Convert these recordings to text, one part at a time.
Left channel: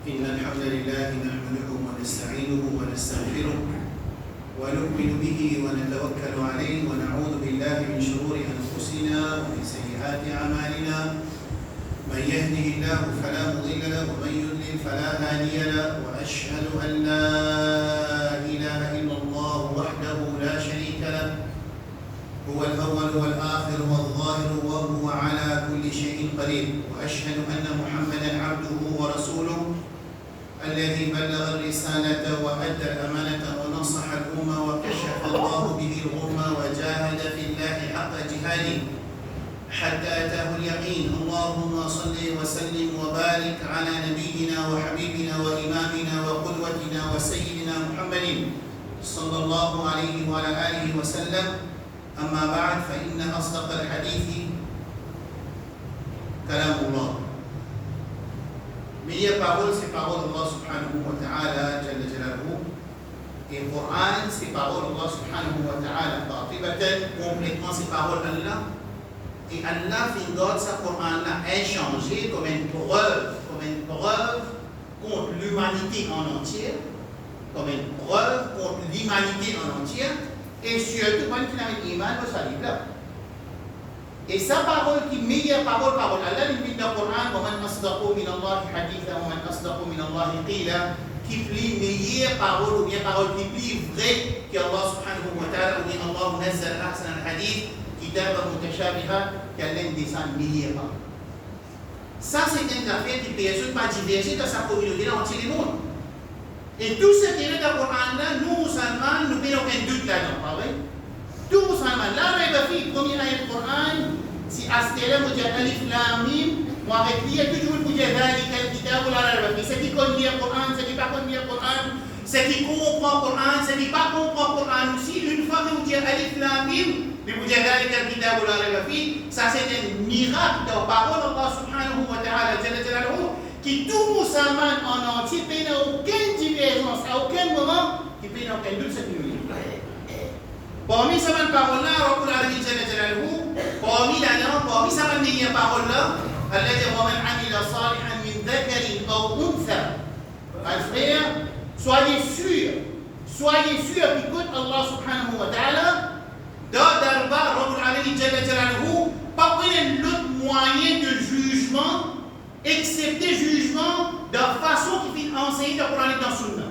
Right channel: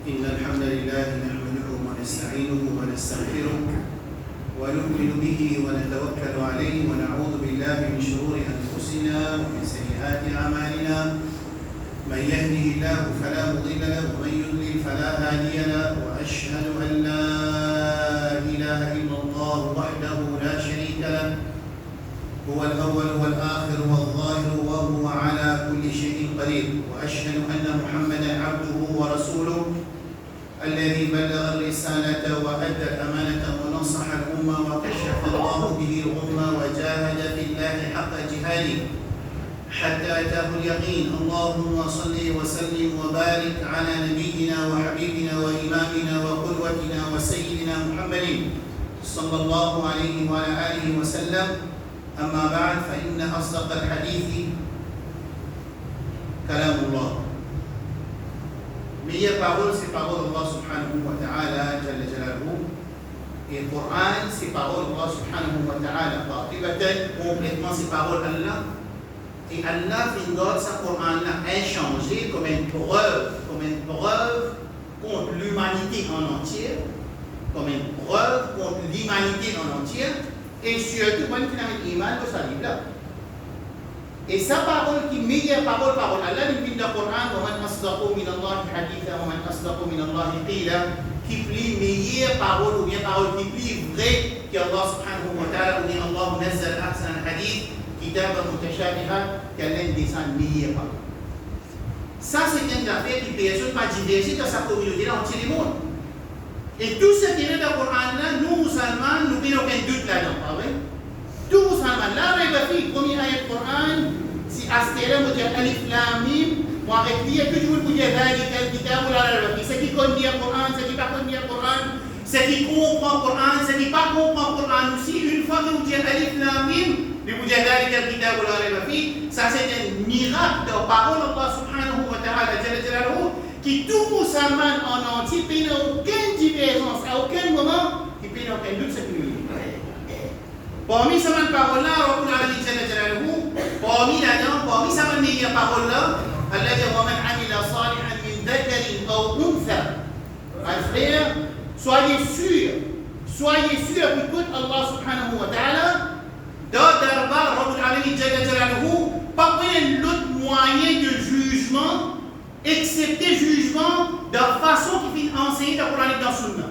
إن الحمد لله نحمده ونستعينه ونستغفره ونؤمن به ونتوكل عليه ونعوذ بالله من شرور أنفسنا ومن سيئات أعمالنا من يهده الله فلا مضل له ومن يضلل فلا هادي له وأشهد أن لا إله إلا الله وحده لا شريك له هو الأول والآخر والظاهر وهو على كل شيء قدير وأشهد أن محمدا عبده ورسوله الذي بلغ الرسالة وأدى الأمانة ونصح الأمة وكشف الله به الغمة وجاهد في الله حق جهاده حتى أتاه اليقين. اللهم صل وسلم وبارك على نبينا وحبيبنا وإمامنا وقدوتنا وسيدنا محمد صلى الله عليه وعلى آله وسلم. أما بعد فإن أصدق الحديث كلام الله. Meilleure parole, c'est parole d'Allah subhanahu wa ta'ala jalla jalaluhu. Et le Coran, c'est parole d'Allah subhanahu wa ta'ala. Qatibatan, complètement c'est parole d'Allah. Et Allah fait d'autres sa Coran a échangé comme une preuve contre l'humanité en entier, comme une preuve contre l'humanité en entier, et surtout quand il a un iman de sa livre là. Et sa parole qui est meilleure parole Allah, il dit dans le Coran, وَمَنْ أَصْدَقُ مِنَ اللَّهِ حَدِيثًا وَمَنْ أَصْدَقُ مِنَ اللَّهِ قِيلًا, qui plie meilleure parole ou bien parole qui plie vraie qu'Allah subhanahu wa ta'ala, ou bien Allah nazzal ahsan al-hadith, kitaba mutashabiha, qu'Allah descend meilleure parole. Ça, c'est une affaire qui peut pas diverger dans sa communauté là entier le monde. Et tout ce qui est dans le Coran là, nous musulmans, nous n'avons aucun doute là-dedans, pas vrai? Tout musulman, là, il va faire premier ayat du Coran, si Astera me dit Alif Lam Mim, moi avec lui, toujours pour dire ذلك الكتاب لا ريب فيه. Ce qui connaît le Coran, ce qui pas connaît le Coran, ce qui comprend le Coran, ce qui pas comprend le Coran aussi, une fois que vous dites Alif Lam Mim, vous dites ذلك الكتاب لا ريب فيه, ça c'est un miracle de la parole d'Allah subhanahu wa ta'ala jalla jalaluhu, qui tout musulman en entier n'a aucune divergence, à aucun moment, qui n'a aucun doute ce qui nous dit. Parmi ces paroles-là, Rabbul Alamin Jalla Jalaluhu, parmi ces paroles-là, Allah dit وَمَنْ عَمِلَ صَالِحًا مِنْ ذَكَرٍ أَوْ أُنْثَى. Mes frères, soyez sûrs qu'écoute Allah subhanahu wa ta'ala, d'Arba, Rabbul Alamin Jalla Jalaluhu, pas l'autre moyen de jugement, excepté jugement de la façon qu'il fait enseigner dans le Coran et dans le Sunna.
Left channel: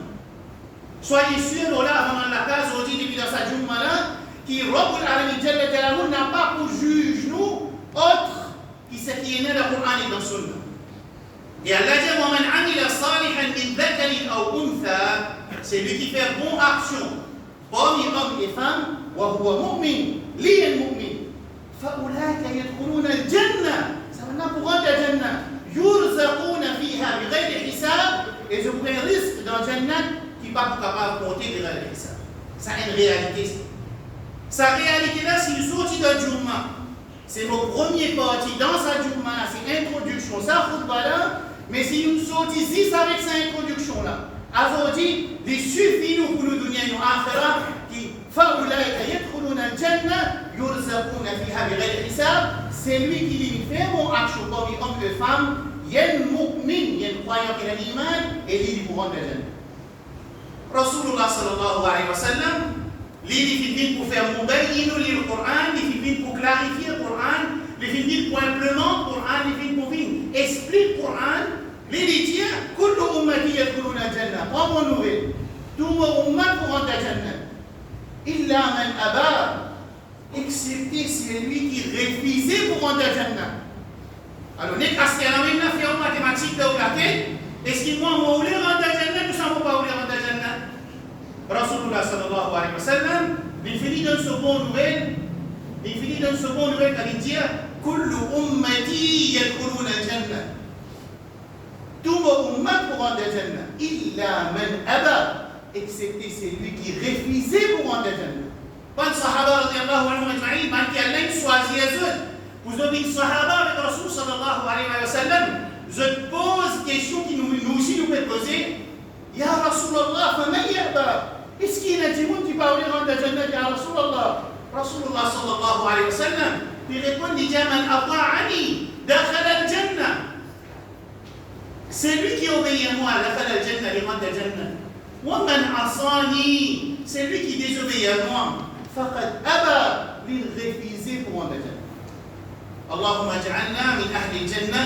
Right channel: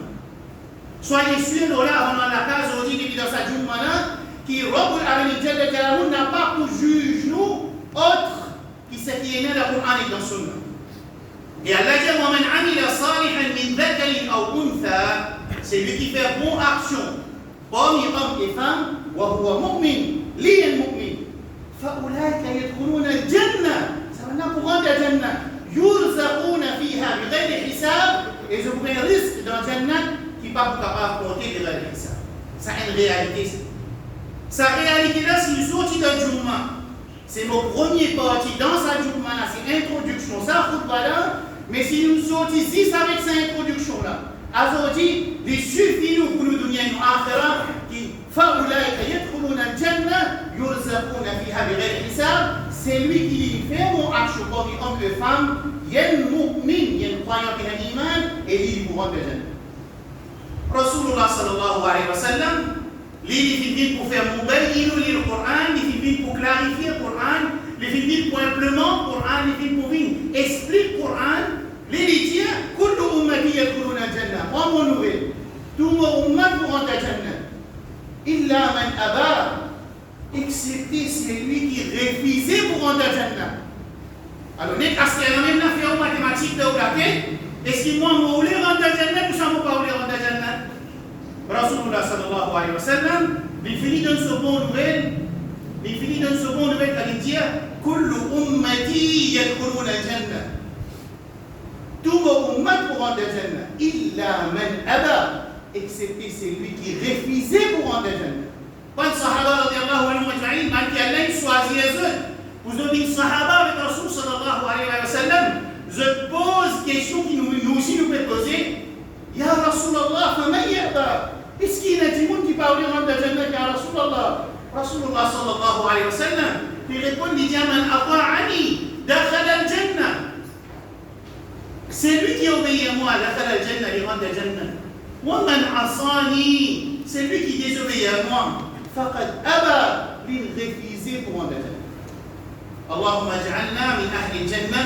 Soyez sûrs, là, avant la case, aujourd'hui, depuis dans sa Jumma-là, qui Rabbul Alamin Jalla Jalaluhu n'a pas pour juge nous, autre qui ce qui est né dans le Coran et dans le Sunna. Et Allah dit, وَمَنْ عَمِلَ صَالِحًا مِنْ ذَكَرٍ أَوْ أُنْثَى, c'est lui qui fait bonne action, parmi hommes et femmes, وَهُوَ مُؤْمِنٌ لِيَ الْمُؤْمِنُ فَأُولَٰئِكَ يَدْخُلُونَ الْجَنَّةَ, ça va là pour rendre la Jannah, يُرْزَقُونَ فِيهَا بِغَيْرِ حِسَابٍ, et je vous mets un risque dans la Jannah qui n'est pas capable de compter les réalités. Ça a une réalité. Sa réalité-là, s'il sortit de Jumma, c'est mon premier parti dans sa Jumma, c'est l'introduction, ça, là, mais si nous sortons ici avec cette introduction-là, aujourd'hui, il suffit nous pour nous donner une akhira qui فَأُولَٰئِكَ يَدْخُلُونَ الْجَنَّةَ يُرْزَقُونَ فِيهَا بِغَيْرِ حِسَابٍ, c'est lui qui dit fait mon action parmi hommes et femmes, il y a un mu'min, il y a un croyant qui a l'iman, et il vous rend le Jannah. Rasulullah sallallahu alayhi wa sallam, il fait pour faire mubayyin le Coran, il fait pour clarifier le Coran, il fait pour implémenter le Coran, il fait pour expliquer le Coran. Il dit kullu ummati yadkhuluna al-jannah. Prends mon nouvelle. Tout mon ummat pour rentrer à Jannah. Illa man aba, excepté celui qui refusait pour rentrer à Jannah. Alors, n'est-ce qu'à la même affaire mathématique de la tête? Est-ce que moi, je voulais rentrer à Jannah, tout ça, je ne pas voulais rentrer à Jannah? Rasulullah sallallahu alayhi wa sallam, il finit d'une seconde nouvelle, quand il dit kullu ummati yadkhuluna al-jannah. Tout mon ummat pour rentrer à Jannah. Illa man aba, excepté celui qui refusait pour rentrer à Jannah. Pas de sahaba radiyallahu anhu ajma'in, malgré Allah choisit les autres. Vous avez une sahaba avec Rasul sallallahu alayhi wa sallam. Je pose question qui nous aussi nous peut poser. Ya Rasulallah, faman ya'ba? Est-ce qu'il y a des gens qui parlent de la Jannah, Ya Rasulallah? Rasulullah sallallahu alayhi wa sallam, il répond, il dit, man ata'ani, dakhala al-Jannah. Celui qui obéit à moi, dakhala al-jannah, il rentre al-jannah. Wa man asani, celui qui désobéit à moi, faqad aba, il refusé pour rentrer al-jannah. اللهم اجعلنا من أهل الجنة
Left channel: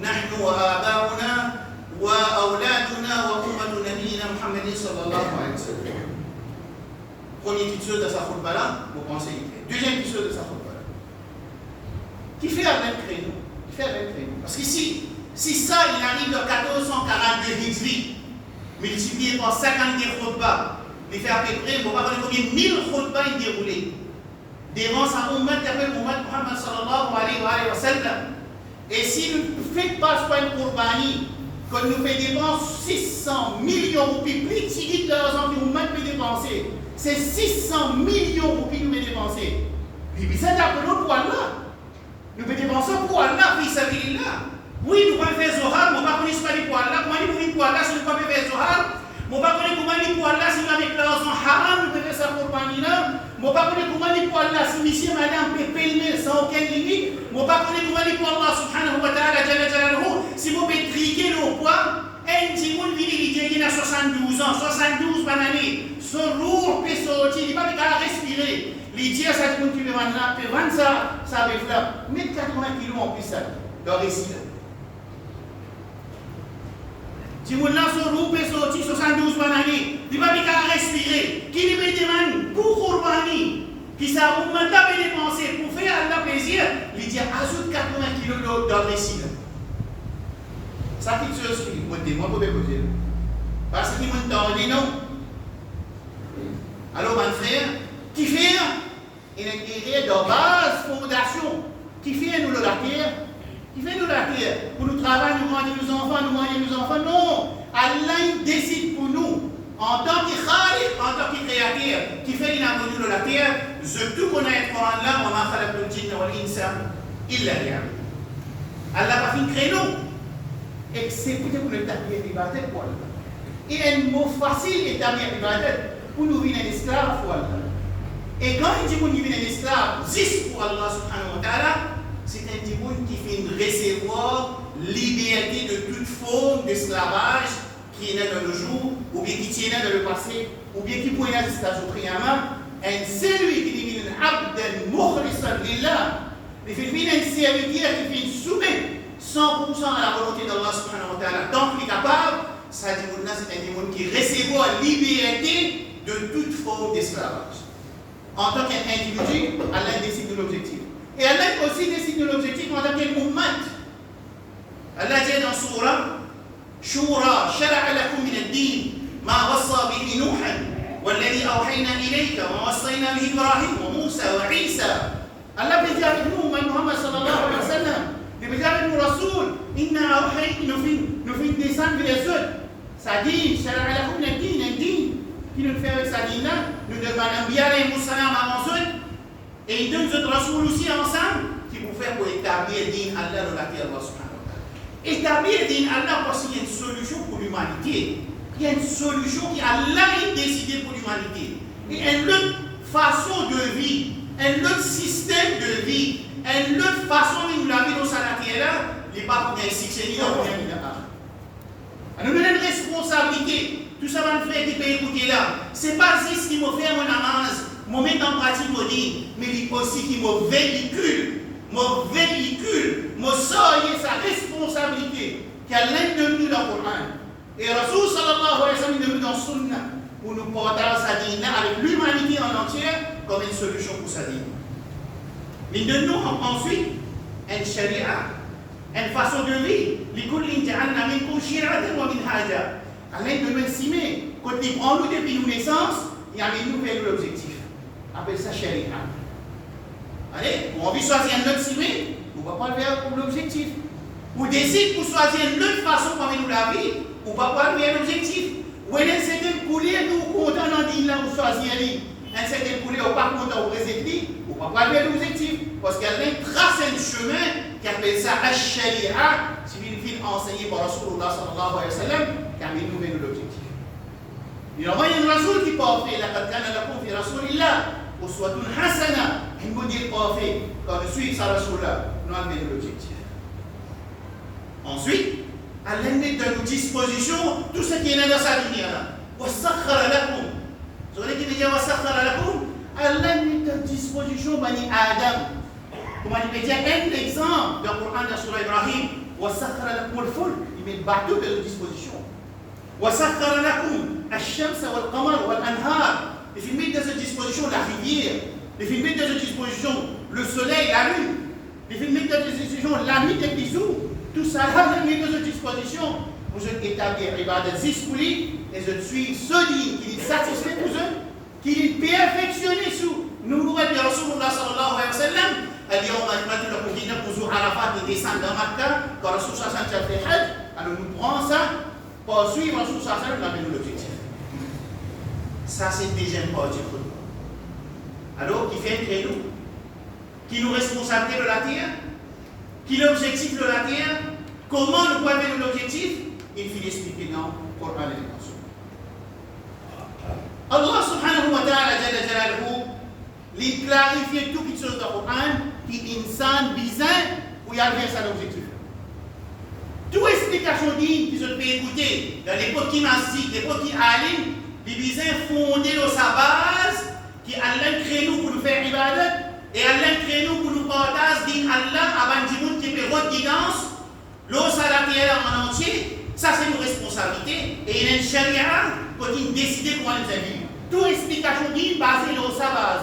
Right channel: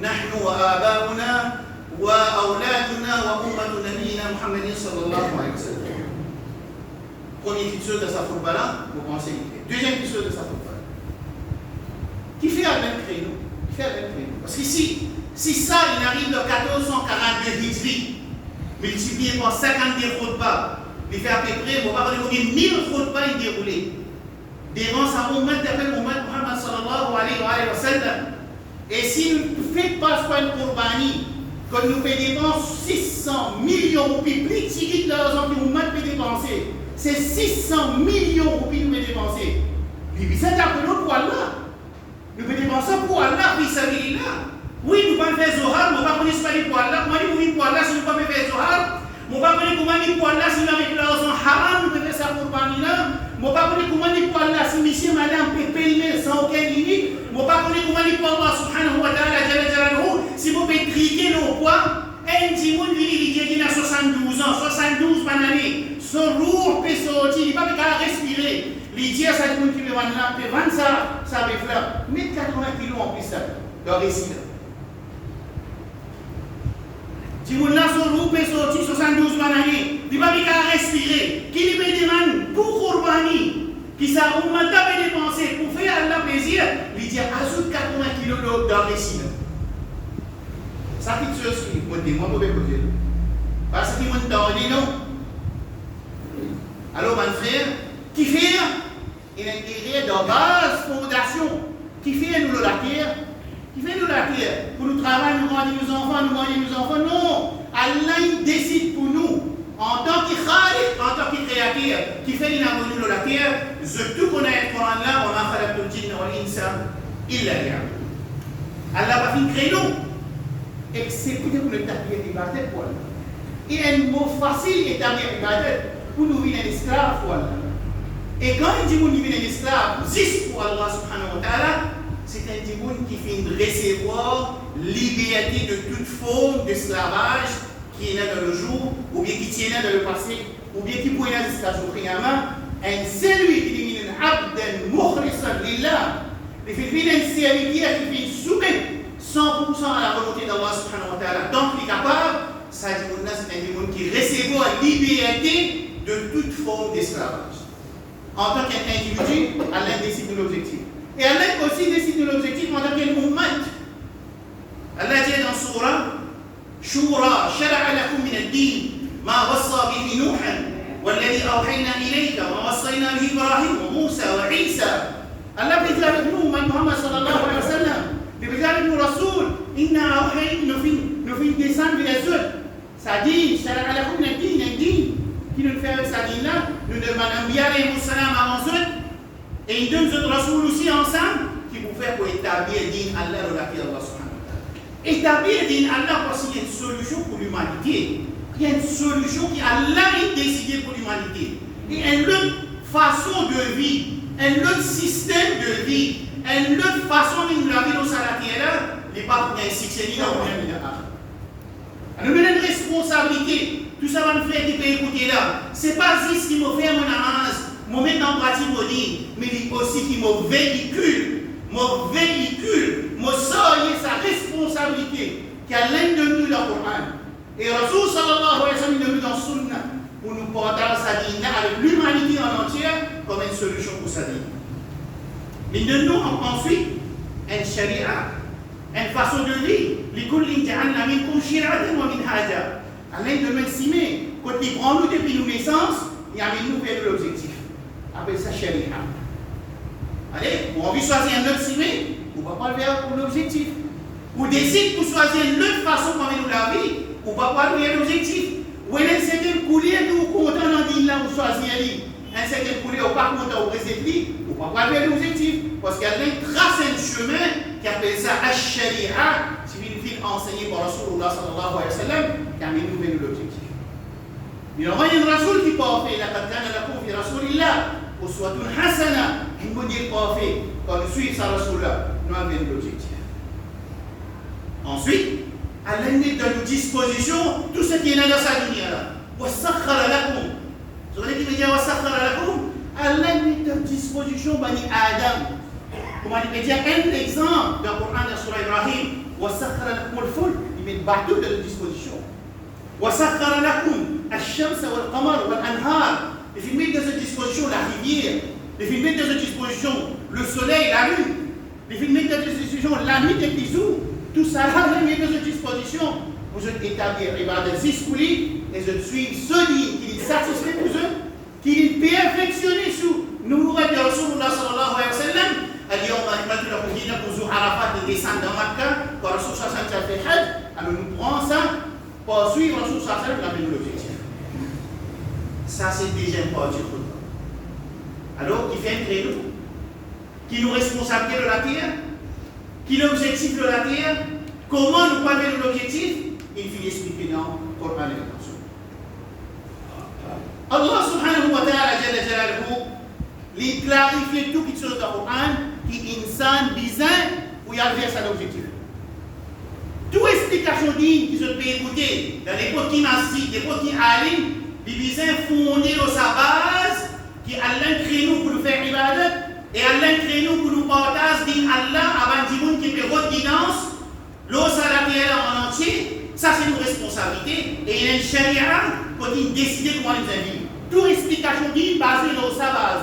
نحن وآباؤنا وأولادنا وأمة نبينا محمد صلى الله عليه وسلم. Première petite chose de sa khutbah là, vous pensez. Deuxième petite chose de sa khutbah là. Qui fait un même créneau? Qui fait un même créneau? Parce qu'ici, si ça, il arrive de 1442 Hijri, multiplié par 50 khutbah, il fait à peu près, on va parler combien 1000 khutbah déroulées. Devant sa ummat d'appel Muhammad sallallahu alayhi wa sallam. Et si nous ne faites pas une Qurbani, que nous payons 600 millions de roupies, plus de l'argent que Muhammad peut dépenser, c'est 600 millions de roupies que nous pouvons dépenser. Les ça d'appel pour Allah. Nous pouvons dépenser pour Allah, puis ça veut là. Oui, nous pouvons faire Zohar, mais on ne peut pas pour Allah. Comment nous pour Allah si nous ne pouvons pas faire Zohar? On ne peut pas comment pour Allah si nous avons l'argent haram, nous pouvons faire ça Qurbani là. Je ne sais pas comment pour Allah si monsieur madame peut payer sans aucune limite. Je ne sais pas comment pour Allah subhanahu wa ta'ala jalla jalaluhu si vous pouvez triquer le poids. Un petit monde qui a 72 ans, 72 par année, ce lourd peut sortir, il ne peut pas respirer. L'idée, ça dit qu'il peut vendre ça, ça va faire. Mettre 80 kilos en plus ça, dans le récit. Si vous avez ce lourd peut sortir 72 par année, il ne peut pas respirer. Qui lui peut demander pour Qurbani, qui ça vous m'a dépensé pour faire Allah plaisir, il dit ajoute 80 kilos dans le récit. Ça qui te suit, moi je peux vous dire. Parce qu'il m'a dit non. Alors, mon frère, qui fait un intérêt de base, fondation, qui fait nous la terre, qui fait nous la terre, pour nous travailler, nous grandir nos enfants, nous manger nos enfants. Non, Allah décide pour nous. En tant que Khaliq, en tant que créateur, qui fait l'inabonnu de la terre, je tout connais le Coran là, on a fait le djinn ou l'insan, il l'a dit. Allah n'a pas fait créneau. Exécuter pour le tapir d'Ibadet pour Allah. Il y a un mot facile établir d'Ibadet pour nous venir un esclave pour Allah. Et quand il dit qu'on vient un esclave, juste pour Allah subhanahu wa ta'ala, c'est un démon qui fait recevoir liberté de toute forme d'esclavage qui est là dans le jour, ou bien qui tient là dans le passé, ou bien qui pourrait là jusqu'à jour Qiyamah, et celui qui devient un abd mukhlisan lillah, il fait un serviteur qui fait soumettre 100% à la volonté d'Allah subhanahu wa ta'ala. Donc il est capable, ça dit c'est un démon qui recevoir liberté de toute forme d'esclavage. En tant qu'individu, Allah décide de l'objectif. Et Allah aussi décide de l'objectif en tant qu'ummat. Allah dit dans Surah شورى شرع لكم من الدين ما وصى به نوحا والذي أوحينا إليك ووصينا به إبراهيم وموسى وعيسى. الله بيجي avec nous, Muhammad sallallahu alayhi wa sallam. Il bيجي avec nous Rasoul. إنا أوحينا nous fin descendre vers eux. Ça dit شرع لكم من الدين, un din qui nous fait avec sa dîne là. Nous demandons bien les musulmans avant eux. Et il donne notre Rasoul aussi ensemble qui vous fait pour établir din Allah de la terre Allah subhanahu. Établir din Allah parce qu'il y a une solution pour l'humanité. Il y a une solution qui Allah a décidé pour l'humanité. Il y a une autre façon de vie, un autre système de vie, une autre façon de nous la vie dans la terre. Les papes n'ont pas succès ni dans le monde ni dans l'art. Nous avons une responsabilité. Tout ça va nous faire qui peut écouter là. Ce n'est pas juste qui m'a fait mon avance, me mettre en pratique mon dit, mais aussi qui me véhicule. Mon véhicule, mon soyez sa responsabilité, qui a l'un de nous dans le Coran. Et Rasoul sallallahu alayhi wa sallam de nous dans Sunna, pour nous porter sa dîne avec l'humanité en entière comme une solution pour sa dîne. Mais de nous ensuite, une sharia, une façon de vivre. لِكُلٍّ جَعَلْنَا مِنْكُمْ شِرْعَةً وَمِنْهَاجًا. Allah de nous estimer, quand il prend nous depuis nos naissances, il y a nous vers l'objectif. Appelle ça sharia. Allez, on veut choisir un autre ciblé, on ne va pas le faire pour l'objectif. Ou décide pour choisir une autre façon comme nous la vie, on ne va pas le faire l'objectif. Ou il y a un certain coulier que vous comptez dans l'île là, vous choisissez un certain coulier, ou pas content, vous présentez, on ne va pas le faire l'objectif. Parce qu'il y a un trace un chemin qui appelle ça Ash-Sharia, si vous voulez enseigné par Rasulullah sallallahu alayhi wa sallam, qui a mis nous vers l'objectif. Il y a un Rasoul qui peut faire la Qadkana la Koufi Rasulillah. Uswatun hasana, un modèle parfait, quand nous suivons sa Rasulullah, nous avons l'objectif. Ensuite, Allah met à notre disposition tout ce qui est dans sa lumière. وَسَخَّرَ لَكُمْ. Vous voyez qui veut dire وَسَخَّرَ لَكُمْ? Allah met à disposition Bani Adam. Comme il peut dire un exemple dans le Coran de Surah Ibrahim. وَسَخَّرَ لَكُمُ الْفُلْكَ. Il met le bateau à notre disposition. وَسَخَّرَ لَكُمْ الشَّمْسَ وَالْقَمَرَ وَالْأَنْهَارَ. Il met à notre disposition la rivière. Il met à notre disposition le soleil, la lune. Il met à notre disposition la nuit et les jours. Tout ça, Allah met à notre disposition. Vous êtes établis ibadat zispouli et je suis solide, qui est satisfait pour eux, qui est perfectionné sous. Nous nous rappelons Rasulullah sallallahu alayhi wa sallam. اليوم أكملت لكم دينكم ذو عرفات من descend dans Makkah quand Rasul sallallahu alayhi wa sallam fait Hajj. Alors nous prenons ça pour suivre Rasul sallallahu alayhi wa sallam dans le même objectif. Ça c'est le deuxième partie du khutbah. Alors qui fait un créneau, qui nous responsabilité de la terre, qui est l'objectif de la terre, comment nous pouvons atteindre l'objectif, il finit expliquer dans le Coran et le Sunna. Allah subhanahu wa ta'ala jalla jalaluhu, il clarifie tout qui se dans le Coran, qui insan bizarre pour y arriver à cet objectif. Toute explication digne qui se peut écouter dans l'époque qui massi, l'époque qui alim, les bizarres fondés dans sa base, qui Allah crée nous pour nous faire ibadat, et Allah crée nous pour nous partager din Allah avant du monde qui peut votre guidance, l'eau salatielle en entier, ça c'est une responsabilité, et il y a une charia qui décide comment nous vivre. Toute explication digne basée dans sa base.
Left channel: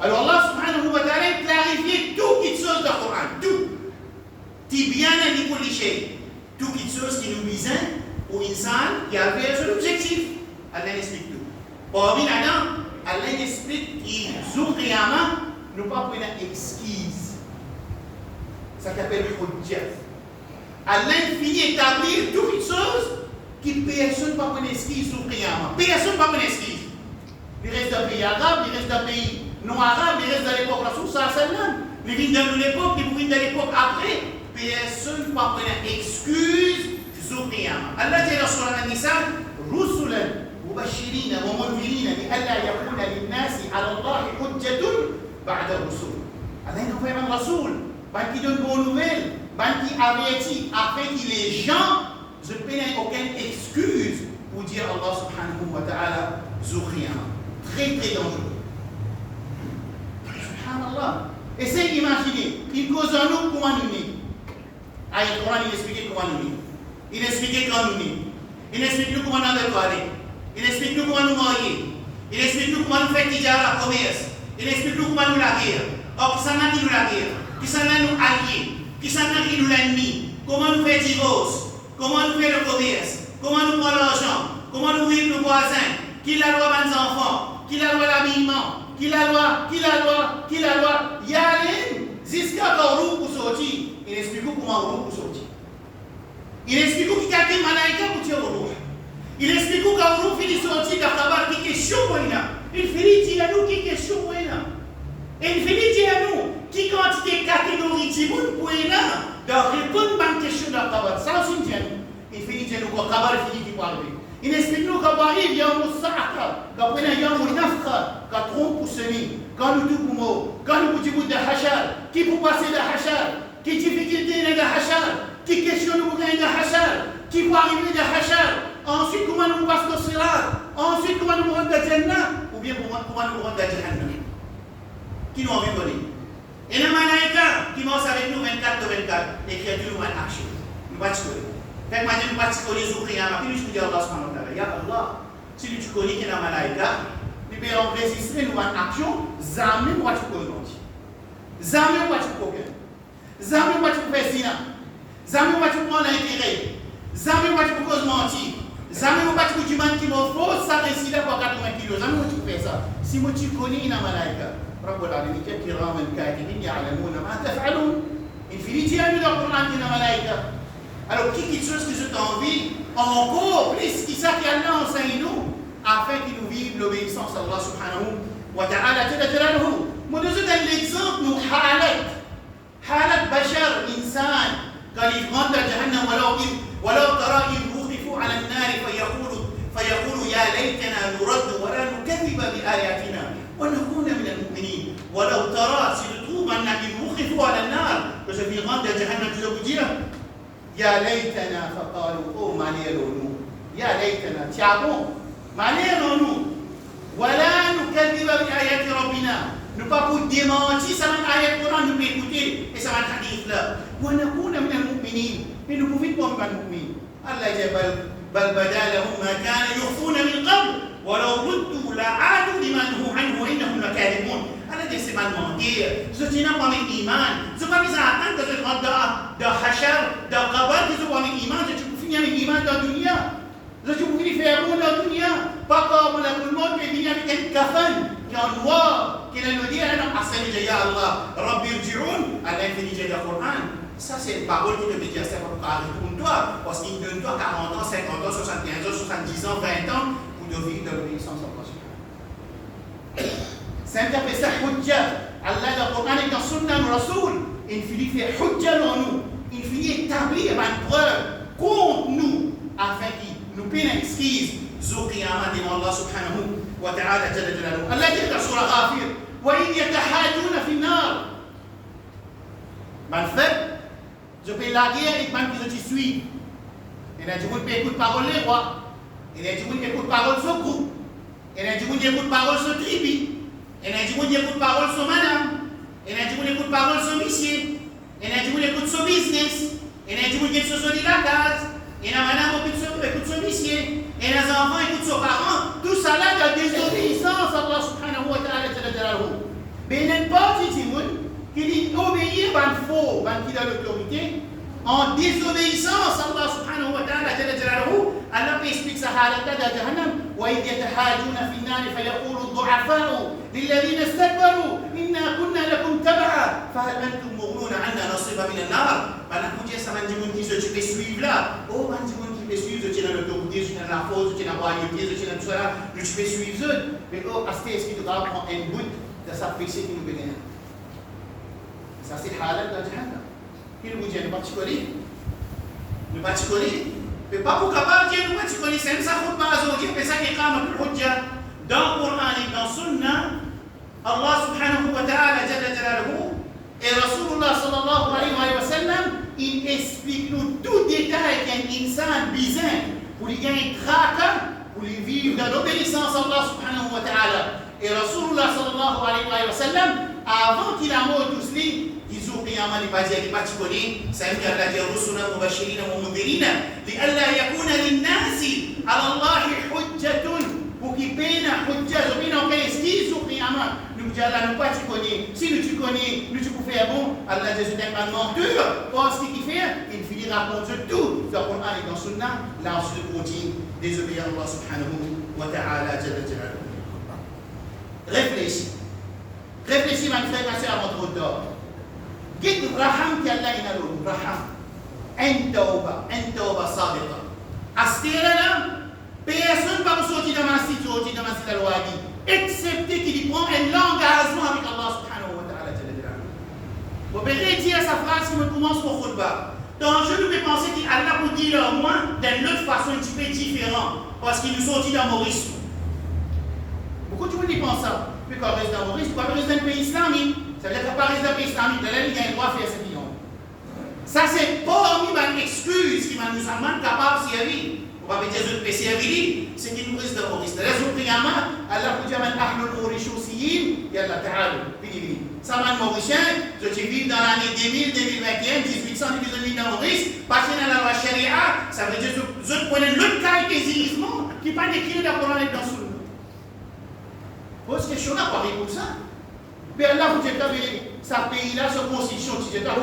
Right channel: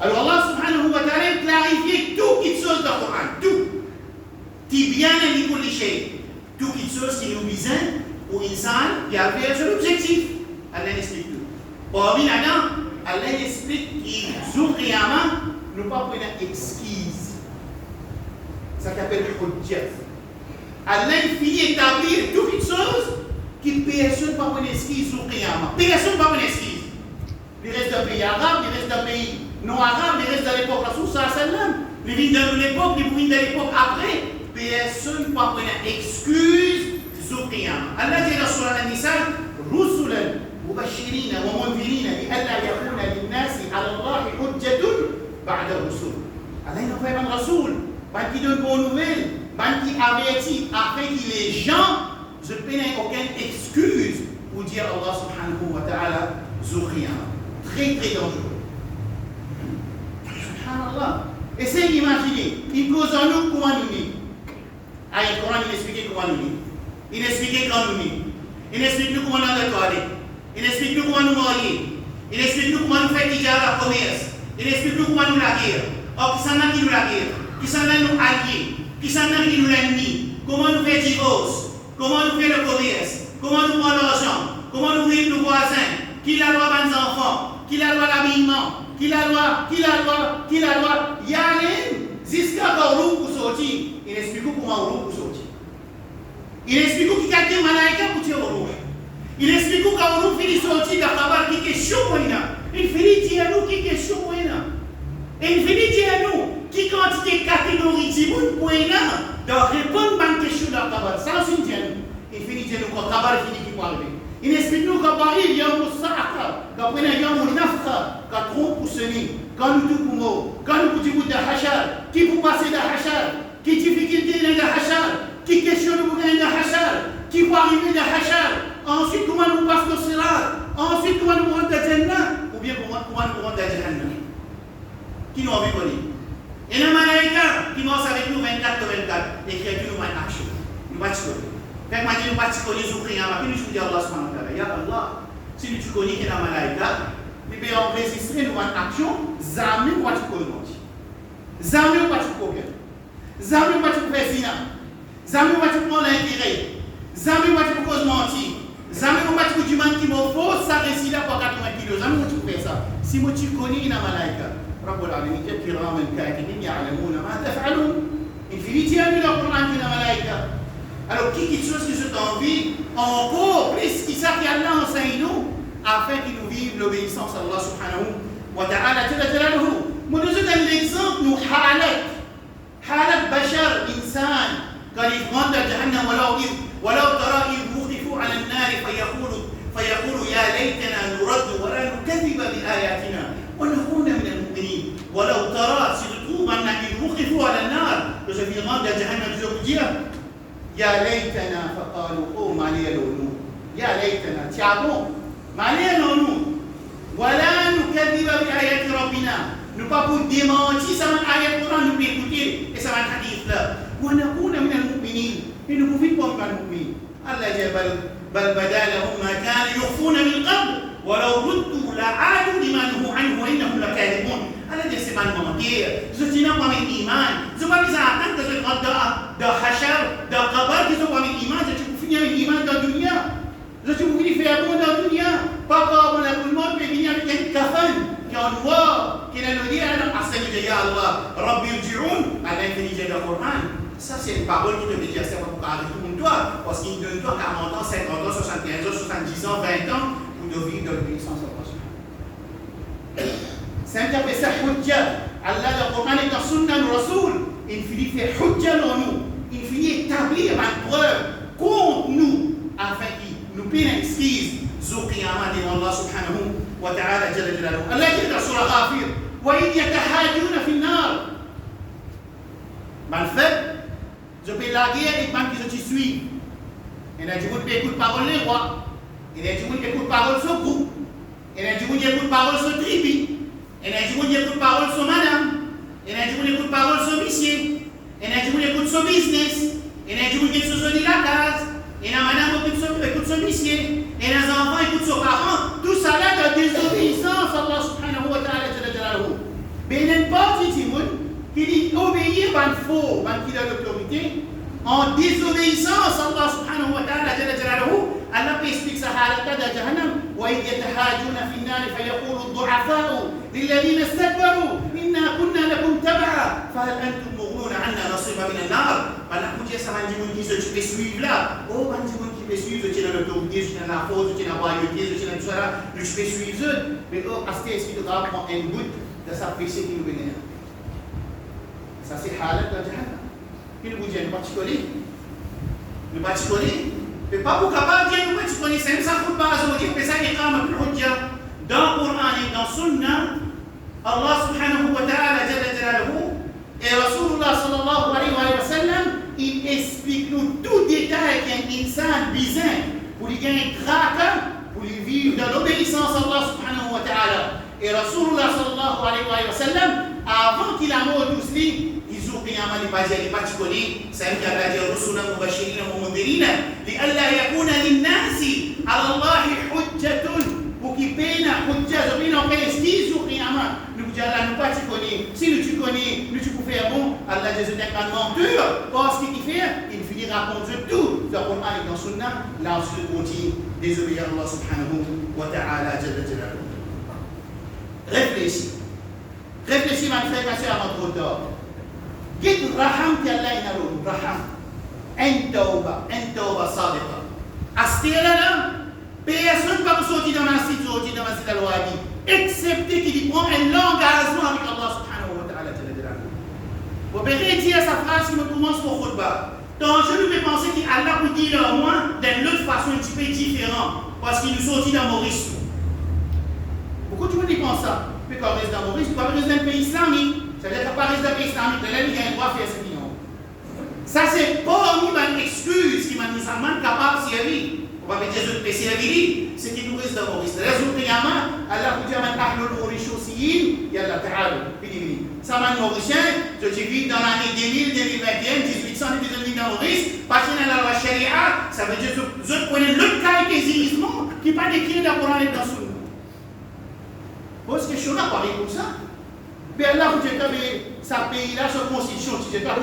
Alors Allah subhanahu wa ta'ala clarifie tout qui chose dans le Coran, tout. Qui bien est pour les choses, tout qui chose qui nous vise pour l'insan qui a fait son objectif. Allah explique tout. Parmi là-dedans, Allah explique qu'il jour qiyamah, nous pas prendre excuse. Ça s'appelle hujjah. Allah finit d'établir tout qui chose qui personne ne peut prendre excuse sur qiyamah. Personne ne peut prendre excuse. Les restes d'un pays arabe, les restes d'un pays non arabe, les restes de l'époque Rasul sallallahu alayhi wa sallam, les vignes de l'époque, les vignes de l'époque après, personne ne peut prendre excuse sur qiyamah. Allah dit dans Surah An-Nisa, rusulan مبشرين ومنذرين لئلا يكون للناس على الله حجة بعد الرسول. Allah il envoie un rasoul, qui donne bonne nouvelle, qui avertit afin que les gens ne prennent aucune excuse pour dire Allah subhanahu wa ta'ala Zuhriyama. Très très dangereux. Subhanallah. Essayez d'imaginer, il cause en nous comment nous sommes. Ah, le Coran il explique comment nous sommes. Il explique quand nous sommes. Il explique comment nous sommes toilette. Il explique nous comment nous marier. Il explique nous comment nous faire tijara, commerce. Il explique nous comment nous la guerre. Or, qui s'en a qui nous la guerre? Qui s'en a nous alliés? Qui s'en a qui nous l'ennemi? Comment nous faire divorce? Comment nous faire le commerce? Comment nous prendre l'argent? Comment nous vivre nos voisins? Qui la loi des enfants? Qui la loi l'habillement? Qui la loi? Il y a un jusqu'à roue pour sortir. Il explique comment roue pour sortir. Il explique qui quelqu'un malaïka pour tirer au rouge. Il explique quand on finit sortir de la qui question pour il finit dire à nous qui question pour et il finit dire à nous qui quantité catégorie de monde pour de répondre à une question de la cabane. Ça aussi dit à nous. Il finit dire nous quand cabane finit qui peut arriver. Il explique nous quand Paris il y a un moussaka, quand on a un nafra, quand trompe pour sonner, quand nous tout pour mot, quand nous disons de hachal, qui pour passer de hachal, qui difficulté de hachal, qui question nous pour gagner de hachal, qui pour arriver de hachal. Ensuite, comment nous passons le sirat? Ensuite, comment nous rentrons dans Jannah? Ou bien comment nous rentrons dans Jahannam? Qui nous envie de voler? Et les malaïkas qui marchent avec nous 24/24, l'écriture nous va action. Nous va te connaître. Fait que maintenant, nous va te connaître aux prières. Puis nous disons Allah subhanahu wa ta'ala. Ya Allah, si tu connais qu'il y a un malaïka, nous pouvons enregistrer nous en action, jamais nous va te connaître. Jamais nous va te connaître. Jamais nous va te faire zina. Jamais nous va te prendre l'intérêt. Jamais nous va te cause mentir. Jamais vous ne du man qui m'a faux, ça récite pour 80 kilos. Jamais vous faites ça. Si vous connaissez la malaïka, رب العالمين كراما كاتبين يعلمون ما تفعلون. Il finit de dire le Coran qui est la malaïka. Alors, qui chose qui se envie, encore plus, qui ça qui Allah enseigne nous, afin qu'il nous vive l'obéissance à Allah subhanahu wa ta'ala. Moi, nous avons l'exemple, nous, halat bashar, insan, quand il rentre dans Jahannam, ولو ترى إذ وقفوا على النار فيقول يا ليتنا نرد ولا نكذب بآياتنا ونكون من المؤمنين. ولو ترى سيدتوب أن إذ وقفوا على النار que je vais rendre à Jahannam, je vous dire Ya laytana faqalu oh maliyalonu. Ya laytana tiens bon maliyalonu. Wala nukadhiba bi ayati rabbina. Nous pas pour démentir ça va ayat Coran nous peut écouter et ça va hadith là. Wa nakuna min al-mu'minin. Et nous pouvons pas être mu'minin. Allah jabal bal badalahum ma kana yukhfuna min qabl. ولو ردوا لعادوا لما نهوا عنه وانهم لكاذبون. Allah dit c'est pas mentir. Je dis non pas avec iman. Je pas mis à attendre que je rentre dans hachar, dans qabar, que je pas avec iman, je peux finir avec iman dans la dunya. Je peux finir faire bon dans la dunya. Pas comme tout le monde peut venir avec un kafan qui est en noir, qui est le dire alors assaini ya Allah, Rabbi irji'un, Allah fait dire le Coran. Ça c'est une parole qui te dit c'est pas pour arrêter toi parce qu'il donne toi 40 ans, 50 ans, 75 ans, 70 ans, 20 ans de vivre dans l'obéissance à Allah. C'est un peu ça, hujja. Allah, le Coran est dans Sunna, le Rasoul. Il finit faire hujja dans nous. Il finit établir une preuve contre nous, afin qu'il nous paie une excuse. Zou qiyamah devant Allah subhanahu wa ta'ala jalla jalaluhu. Allah dit dans Surah Ghafir, wa idh yatahajuna fi an-nar. En fait, je peux la guerre et man qui je suis. Et là, je vous écoute parole les rois. Il y a des gens qui écoutent parole sur groupe. Il y a des gens qui écoutent parole sur tribu. Il y a des gens qui écoutent parole sur madame. Il y a des gens qui écoutent parole sur monsieur. Il y a des gens qui écoutent sur business. Il y a des gens qui écoutent sur la case. Il y a madame qui écoute sur monsieur. Et les enfants écoutent sur parents. Tout ça là de désobéissance à Allah subhanahu wa ta'ala. Mais il n'y a pas de gens qui dit obéir à un faux, à qui a l'autorité. En désobéissance à Allah subhanahu wa ta'ala jalla jalaluhu, Allah explique ça halata de Jahannam. Wa idh yatahajuna fi an-nar fayaqulu ad-du'afa'u lilladhina istakbaru inna kunna lakum tab'a fahal antum mughnuna 'anna nasiba min an-nar. Bana kuje sama ndi mun kiso tu peux suivre là. Oh bandi mun qui peut suivre tu dans l'autorité, tu dans la force, tu dans la royauté, tu dans tout ça là, tu peux suivre eux. Mais oh aste est-ce qu'il doit prendre un bout de sa péché qui nous bénit. Ça c'est halata de Jahannam. Il vous dit un particulier. Le particulier. Mais pas pour capable de dire le particulier. C'est ça qu'on va dire. Mais ça qui est quand même le dans le Coran et dans le Sunna, Allah subhanahu wa ta'ala jalla jalaluhu et Rasulullah sallallahu alayhi wa sallam, il explique nous tout détail qu'un insan bizarre pour lui gagner traque, pour lui vivre dans l'obéissance à Allah subhanahu wa ta'ala. Et Rasulullah sallallahu alayhi wa sallam, avant qu'il a mort tous les قياما لباجي لباتشكولي سألك الله رسلا مبشرين ومنذرين لئلا يكون للناس على الله حجة وكيبين حجة زبين وكان يسكيزوا قياما نقول الله نباتشكولي si nous connais nous tu peux faire bon Allah Jésus n'est pas menteur parce qu'il fait il finira contre tout dans le Coran et dans le Sunna là on se continue désolé Allah subhanahu wa ta'ala jalla jalaluhu. Réfléchis ma frère ma soeur à notre tort. قد رحمك الله ينالون رحم التوبة صادقة أستيرنا personne va vous sortir dans ma cité al-Wadi excepté qu'il prend un engagement avec Allah subhanahu wa ta'ala. Vous verrez dire sa phrase qui me commence au khutbah. Donc je lui fais penser qu'Allah peut dire au moins d'une autre façon un petit peu différente parce qu'il nous sortit dans Maurice. Beaucoup de gens pensent ça. Mais quand on reste dans Maurice, tu vas rester dans le pays islamique. Ça veut dire qu'à Paris, dans le pays islamique, là, il y a un droit à faire ce qu'il y a. Ça, c'est pas une excuse qui nous amène capable de servir. On va dire que servir, c'est qu'il nous reste dans Maurice. La raison de Allah vous dit à Ahlul Maurice aussi, il y a la Ta'ala. Ça m'a Mauricien, je vis dans l'année 2000, 2021, 1800, 2000 dans Maurice, parce que dans la loi Sharia, ça veut dire que je prenais l'autre cas qui n'est pas décrit dans le Coran et dans le Sunna. Pose question là, pareil pour ça. Mais Allah vous dit que sa pays-là, sa constitution, tu dis pas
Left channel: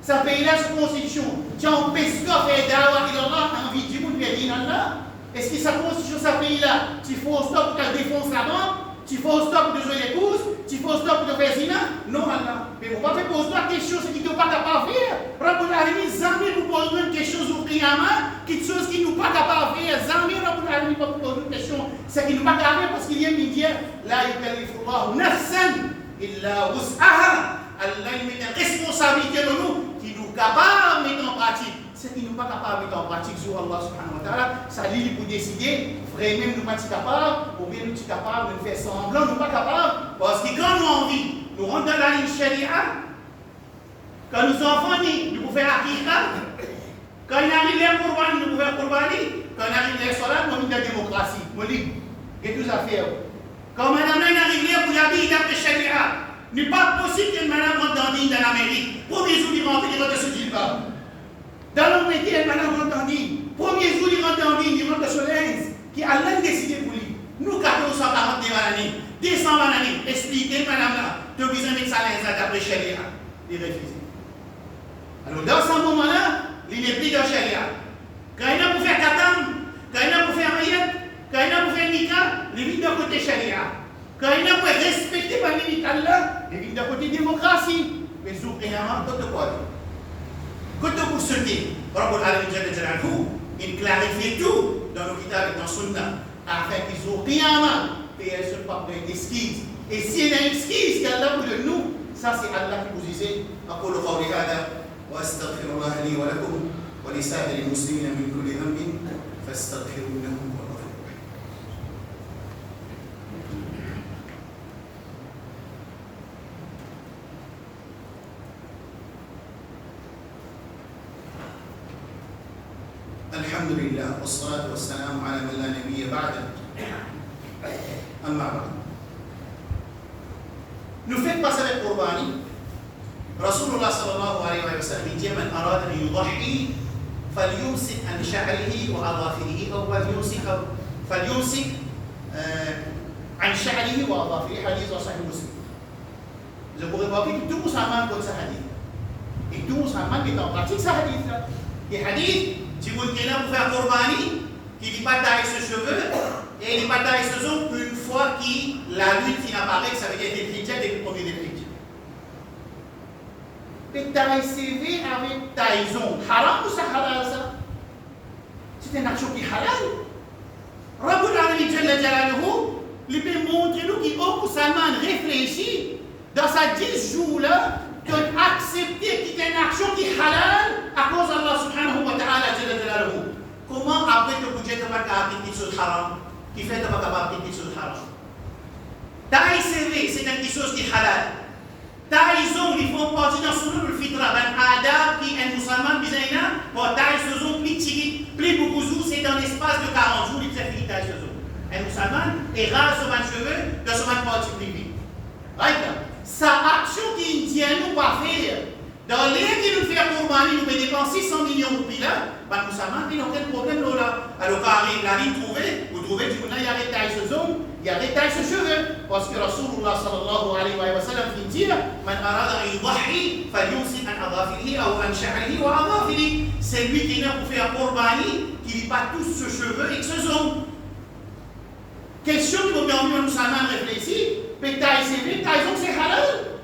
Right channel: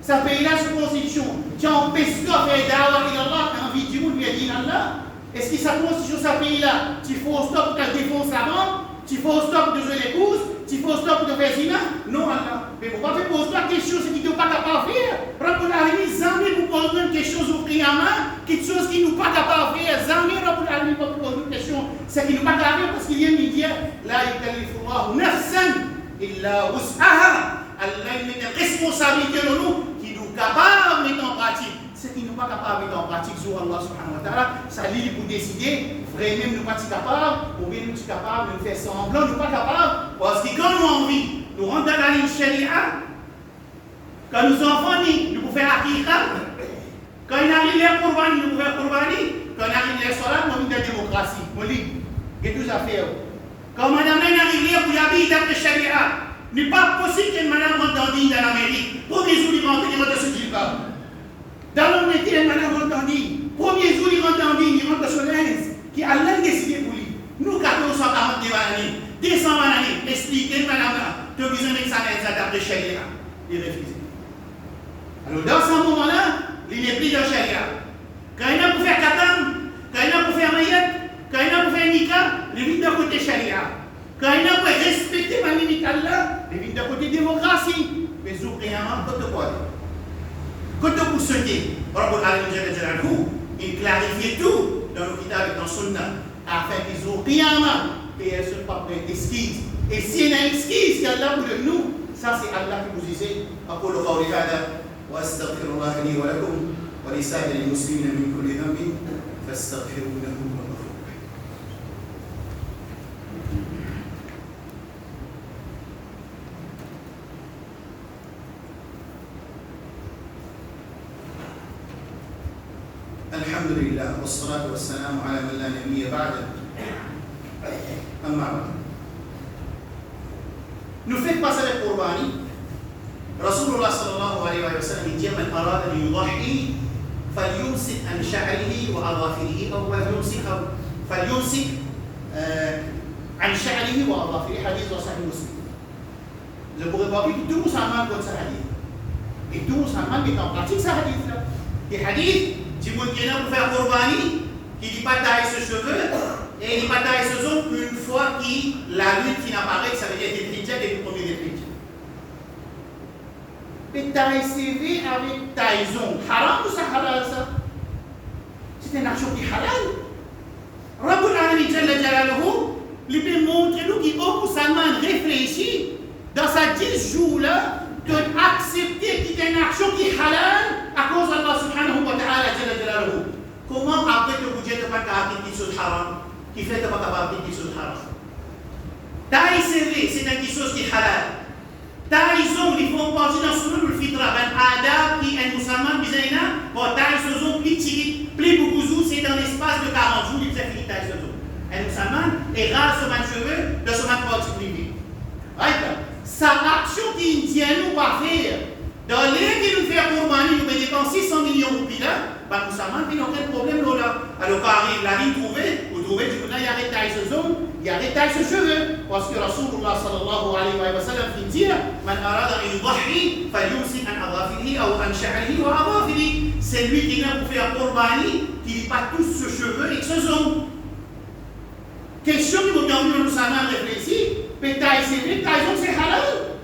sa pays-là, sa constitution, qui empêche de faire d'avoir Allah, envie de dire Allah. Est-ce que sa constitution, sa pays-là, tu faut stop pour défonce la banque, tu faut stop de jouer les courses, tu faut stop de faire zina? Non, Allah. Mais pourquoi tu poses toi quelque chose qui ne pas capable de faire? Rabbul Alamin, jamais vous posez une question sur Qiyamah, quelque chose qui nous pas capable de faire. Jamais Rabbul Alamin pas poser une question, c'est qui nous pas capable de faire parce qu'il y a un média. La yukallifullahu nafsan illa wus'aha. Allah met une responsabilité de nous qui nous capable de mettre en pratique. Ce qui nous pas capable de mettre en pratique sur Allah subhanahu wa ta'ala, ça lit pour décider, vraiment nous pas capables, ou bien nous sommes capables de faire semblant, nous pas capables, parce que quand nous avons envie, nous rentrons dans la ligne sharia, quand nous enfants nous pouvons faire akira, arrive à Qurbani, nous pouvons Qurbani, quand on arrive à Salat, on a la démocratie. On dit, il y a tout à faire. Quand madame arrive pour y habiter d'après Sharia, il n'est pas possible qu'une madame rentre dans l'Amérique. Premier jour, il rentre sur Gilbab. Dans le métier, une madame rentre dans l'île. Premier jour, il rentre dans l'île, il rentre sur l'Inde, qui a l'un décidé pour lui. Nous, 1440 années, 200 années, expliquez, madame là, tu as besoin de ça d'après Sharia. Il refuse. Alors, dans ce moment-là, il n'est plus dans Sharia. Quand il a pour faire Katam, quand il a pour faire Mayat, quand il a pour faire Nika, il vient d'un côté Sharia. Quand il a pour respecter ma limite Allah, il vient d'un côté démocratie. Mais Zoukriyaman, quand tu quoi? Quand tu pour sauter, Rabbul Alamin Jalla Jalaluhu, il clarifie tout dans le kitab et dans le sunnah, afin qu'ils Zoukriyaman, et elles ne sont pas prêtes d'esquisse. Et s'il y a une esquisse qu'Allah pour nous, ça c'est Allah qui vous disait, أقول قولي هذا وأستغفر الله لي ولكم ولسائر المسلمين من كل ذنب فاستغفروه إنه هو الغفور الرحيم. الحمد لله والصلاة والسلام على من لا نبي بعده. أما بعد. Nous faites passer avec Qurbani. رسول الله صلى الله عليه وسلم dit من أراد أن يضحي فليمسك عن شعره وأظافره أو فليمسك عن شعره وأظافره حديث صحيح مسلم. Je pourrais voir que tout musulman connaît ce hadith. Et tout musulman est en pratique ce hadith-là. Et hadith, tu veux qu'il y ait pour faire Qurbani, qui dit pas taille ses cheveux, et il dit pas taille ses ongles une fois que la lune qui n'apparaît, ça veut dire des hijab et le premier des hijab. Mais taille CV avec taillon, haram ou ça halal ça? C'est une action qui est halal. Rabbul Alamin Jalla Jalaluhu, il peut montrer nous qui au musulman réfléchit dans sa 10 jours-là d'accepter qu'il y a une action qui est halal à cause d'Allah subhanahu wa ta'ala Jalla Jalaluhu. Comment après te bouger de pas capable qu'il soit haram, qui fait de pas capable qu'il soit haram? Taille CV, c'est une chose qui est halal. Taïzon, ils font partie dans ce le fitra, ben adab qui est musulman bizaina, pour taïzon plus beaucoup c'est dans l'espace de 40 jours, il s'est fini taïzon. Un musulman est rare sur un cheveu, de ce man partie privée. Right? Sa action qui tient nous pas faire, dans les qui nous fait Qurbani, nous dépenser 600 millions de roupies là, ben musulman, il n'a aucun problème là. Alors quand arrive la ligne trouvée, vous trouvez, du coup là, il y a des taïzon. Il y a des tailles de cheveux, parce que Rasulullah sallallahu alayhi wa sallam dit Man arada an yudahi, falyumsik an adafirihi ou an sha'rihi wa adafirihi. C'est lui qui vient pour faire Qurbani, qui n'est pas tous ses cheveux et que ses ongles. Question qui vous envie nous savons réfléchir, mais taille c'est vrai, taille c'est halal.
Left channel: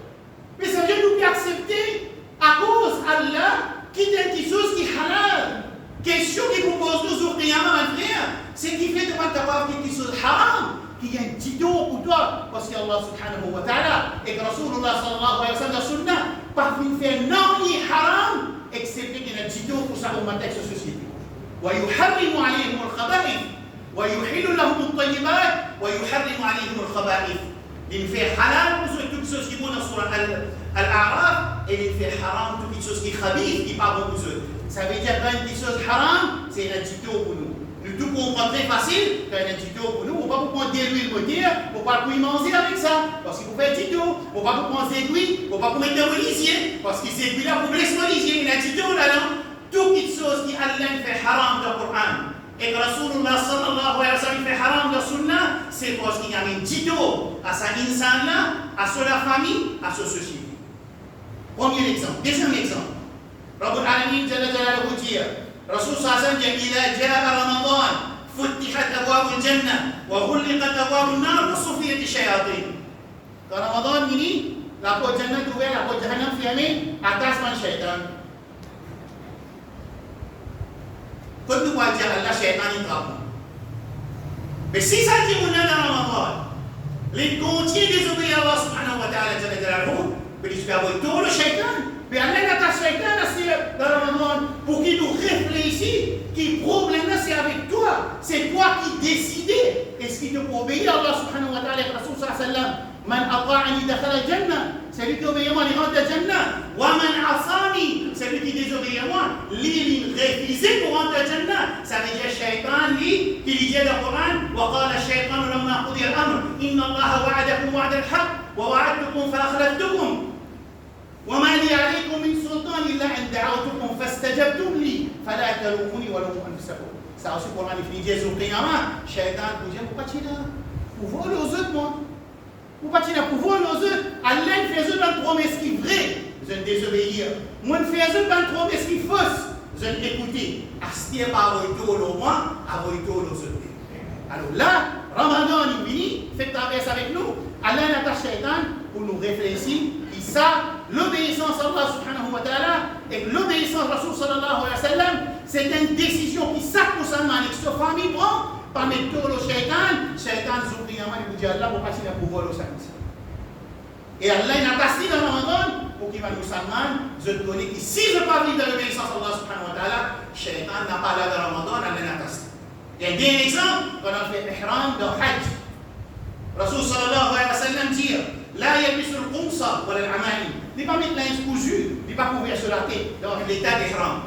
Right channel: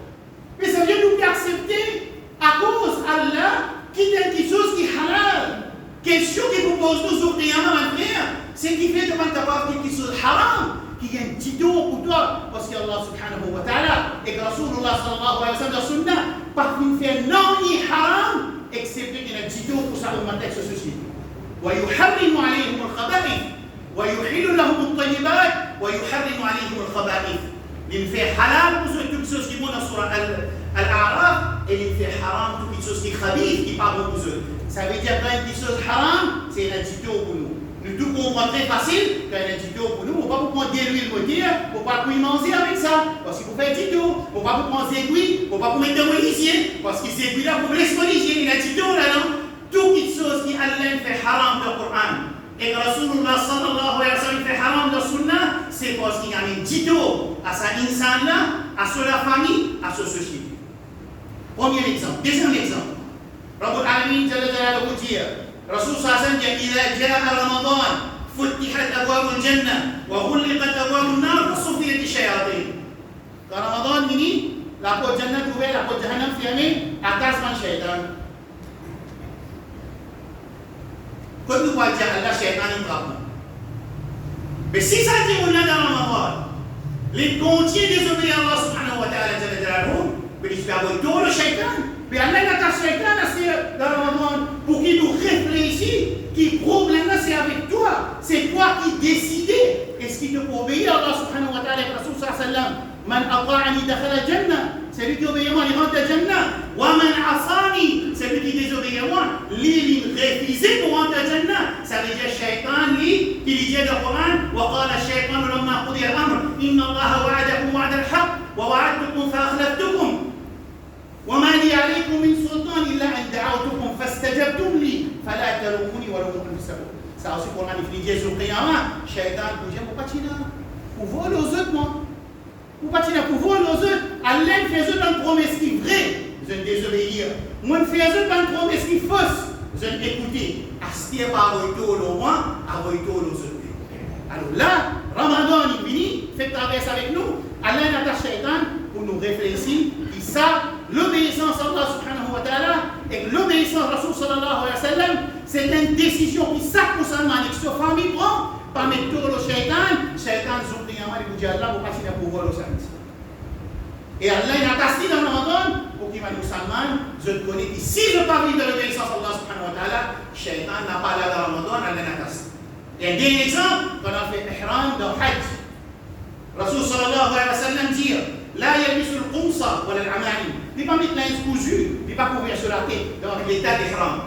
Mais ça vient nous accepter à cause Allah qui est quelque chose qui est halal. Question qui vous pose nous au Qiyamah, mon frère, c'est qui fait de pas capable quelque chose haram. Qui y a un petit dos pour toi, parce que Allah subhanahu wa ta'ala et que Rasulullah sallallahu alayhi wa sallam dans le sunnah, par fin faire non ni haram, excepté qu'il y a un petit dos pour sa ummah de société. ويحرم عليهم الخبائث ويحل لهم الطيبات ويحرم عليهم الخبائث. Il fait halal pour toutes choses qui vont dans Surah Al-A'raf et il fait haram pour toutes choses qui khabith, qui pas bon pour eux. Ça veut dire qu'une petite chose haram, c'est un petit dos pour nous. Nous tout comprendre très facile, quand il y a un tuto pour nous, on ne va pas prendre des huiles moteur, on ne va pas manger avec ça, parce qu'il faut faire un tuto, on ne va pas prendre des aiguilles, on ne va pas mettre des policiers, parce que ces aiguilles-là, pour les policiers, il y a un tuto là-dedans. Toutes les choses qui Allah fait haram dans le Coran, et que Rasulullah sallallahu alayhi wa sallam fait haram dans le Sunnah, c'est parce qu'il y a un tuto à sa insan-là, à sa famille, à sa société. Premier exemple. Deuxième exemple. Rabbul Alamin Jalla Jalaluhu dit رسول صلى الله عليه وسلم إذا جاء رمضان فتحت أبواب الجنة وغلقت أبواب النار وصفيت الشياطين. كرمضان مني لا بو جنة توبة لا بو جهنم في أمين أتاس من شيطان. كل واجه الله شيطان يتربى. Mais si ça dit on a dans Ramadan, les contiers désobéir à Allah subhanahu wa ta'ala jalla jalaluhu, mais il se fait avoir tout le shaitan. Mais Allah n'a pas shaitan dans Ramadan pour qu'il nous réfléchisse, qui problème là c'est avec toi. C'est toi qui décides. Est-ce qu'il te peut obéir à Allah subhanahu wa ta'ala et Rasul sallallahu alayhi wa sallam? Man ata'ani dakhala al-jannah. C'est lui qui obéit à moi, il rentre à Jannah. Wa man asani, c'est lui qui désobéit à moi, il refuse pour ça veut dire shaitan qui lui dit dans le Coran وقال الشيطان لما قضي الأمر إن الله وعدكم وعد الحق ووعدتكم فأخلفتكم وما لي عليكم من سلطان إلا أن دعوتكم فاستجبتم لي فلا تلوموني ولوموا أنفسكم. Ça aussi pour il finit sur le Qiyamah, shaitan vous dit pour pas pour voler aux autres moi. Pour pas pour voler aux autres. Allah fait une promesse qui est vraie, je ne désobéir. Moi je fais une promesse qui est fausse, je ne écouter. Astier par retour au moins, à retour aux autres. Alors là, Ramadan il finit, fait traverse avec nous. Allah n'attache shaitan pour nous réfléchir, qui ça, l'obéissance à Allah subhanahu wa ta'ala et l'obéissance à Rasul sallallahu alayhi wa sallam, c'est une décision qui chaque musulman et sa famille prend par mettre tout le shaitan zoukriyama il dit Allah pour passer pour voir le service. Et Allah n'a pas dit dans Ramadan pour qu'il va nous musulman, je connais que si je ne pas vivre de l'obéissance à Allah subhanahu wa ta'ala, shaitan n'a pas là dans Ramadan, Allah n'a pas dit. Il y a un exemple quand on fait ihram dans Hajj. Rasul sallallahu alayhi wa sallam dit لا يلبس القمص ولا العمائم. Ne pas mettre linge cousu, ne pas couvrir sur la tête dans l'état d'ihram.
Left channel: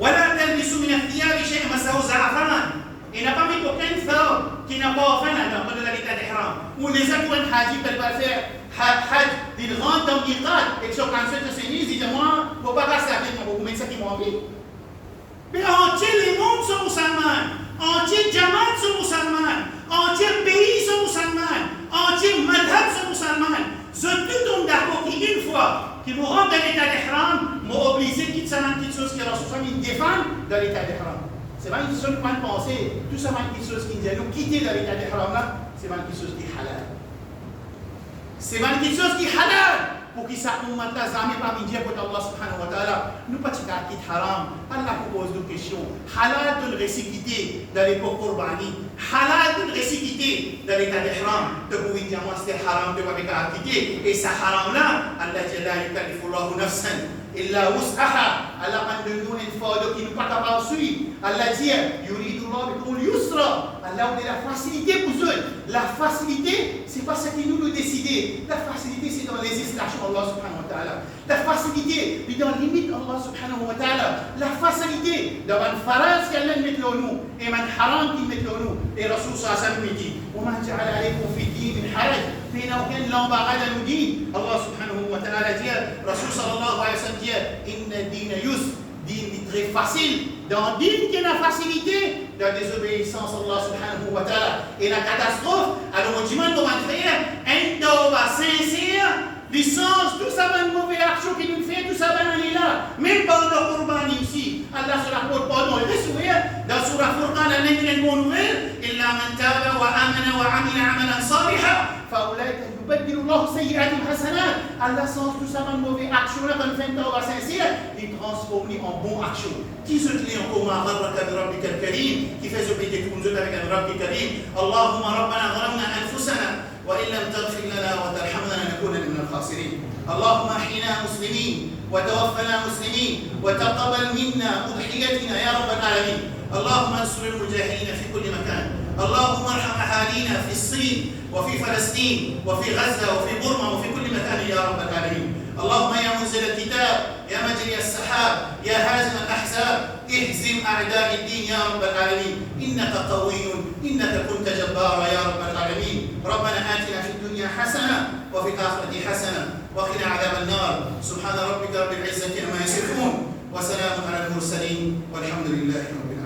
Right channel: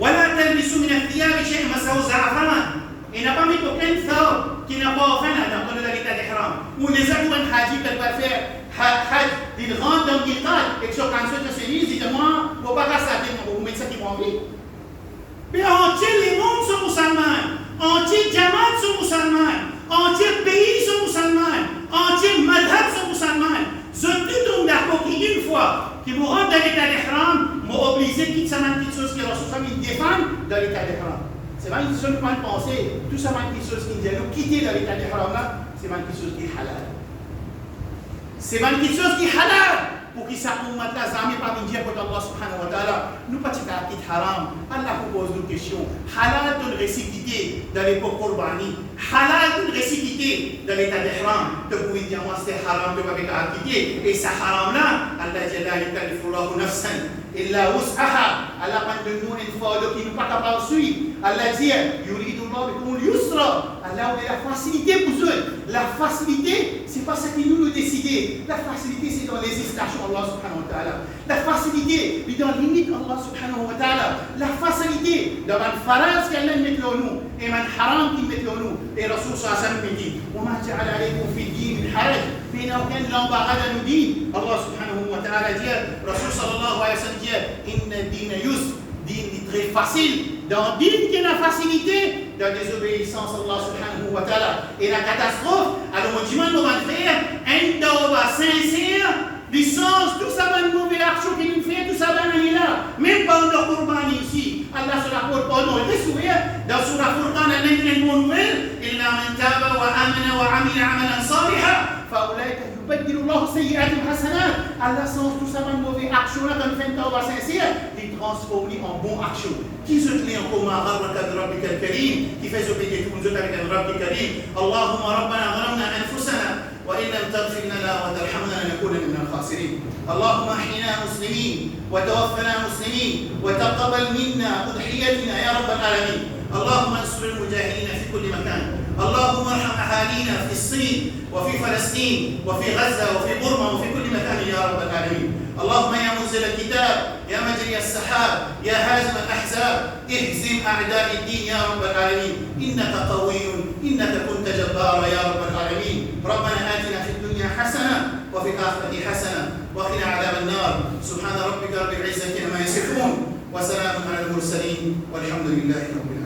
ولا تلبسوا من الثياب شيء مسه زعفران. Et n'a pas mis aucun thawb qui n'a pas offert dans l'état d'ihram. Ou les autres hajj qui va faire hajj, ils rentrent dans l'miqat et sur quand se disent, dites-moi, faut pas casser la tête, vous mettez ça qui m'ont envie. Mais entier les mondes sont musulmans, entier Jamaat sont musulmans, entier pays sont musulmans, entier madhab sont musulmans. Je tout d'accord qu'une fois que vous rentrez dans l'état d'ihram, vous obligez de quitter ça une petite chose qui est ressourçable, défendre dans l'état d'ihram. C'est pas une seule point de pensée, tout ça une petite chose qui dit nous quitter dans l'état d'ihram là, c'est pas une petite chose qui est halal. C'est pas une petite chose qui est halal. Pour qu'il s'appelle là, jamais pas venir pour Allah subhanahu wa ta'ala. Nous pas tika quitte haram. Allah pose deux questions. Halal de récipité dans l'époque Qurbani. Halal de récipité dans l'état d'ihram. De pouvoir dire moi c'est haram de pas quitter. Et ça haram là, Allah dit la yukallifu Allahu nafsan illa wus'aha. Allah pas de nous une fois qui nous pas capable de suivre. Allah dit yuridu Allah bikum al-yusra. Allah on a la facilité pour eux. La facilité, c'est pas ce que nous décider. La facilité c'est dans les législation Allah subhanahu wa ta'ala. La facilité, mais dans la limite Allah subhanahu wa ta'ala. La facilité, dans le faraz qu'Allah met là nous, et le haram qu'il met là nous. Et Rasul sallallahu alayhi wa sallam dit, وَمَا جَعَلَ عَلَيْكُمْ فِي الدِّينِ مِنْ حَرَجٍ. Mais il n'y a aucun l'embarras dans nos dînes. Allah subhanahu wa ta'ala dit, Rasul sallallahu alayhi wa sallam dit, inna dîne yusr, dîne est très facile. Dans dîne qui a la facilité, dans la désobéissance à Allah subhanahu wa ta'ala. Et la catastrophe, alors on dit, on va faire un tawbah sincère. Licence, tout ça va une mauvaise action qui nous fait, tout ça va aller là. Même pas dans le Qur'an ici. Allah se rapporte pas dans les souhaits. Dans Surah Furqan, Allah dit une bonne nouvelle. Illa man taba wa amana wa amila amalan saliha. Faoulaika yubaddilu Allah sayyi'atim hasanat. Allah sens tout ça va une mauvaise action là, quand on fait une tawbah sincère, il transforme en bonne action. Qui se tient en commun avec Rabbik al-Karim, qui fait se payer tout le monde avec un Rabbik al-Karim. Allahumma rabbana gharamna anfusana. وإن لم تغفر لنا وترحمنا لنكون من الخاسرين. اللهم احينا مسلمين وتوفنا مسلمين وتقبل منا أضحيتنا يا رب العالمين. اللهم انصر المجاهدين في كل مكان. اللهم ارحم أهالينا في الصين وفي فلسطين وفي غزة وفي برما وفي كل مكان يا رب العالمين. اللهم يا منزل الكتاب يا مجري السحاب يا هازم الأحزاب اهزم أعداء الدين يا رب العالمين. إنك قوي إنك كنت جبارا يا رب العالمين. ربنا آتنا في الدنيا حسنة وفي الآخرة حسنة وقنا عذاب النار. سبحان ربك رب العزة عما يصفون وسلام على المرسلين والحمد لله رب العالمين.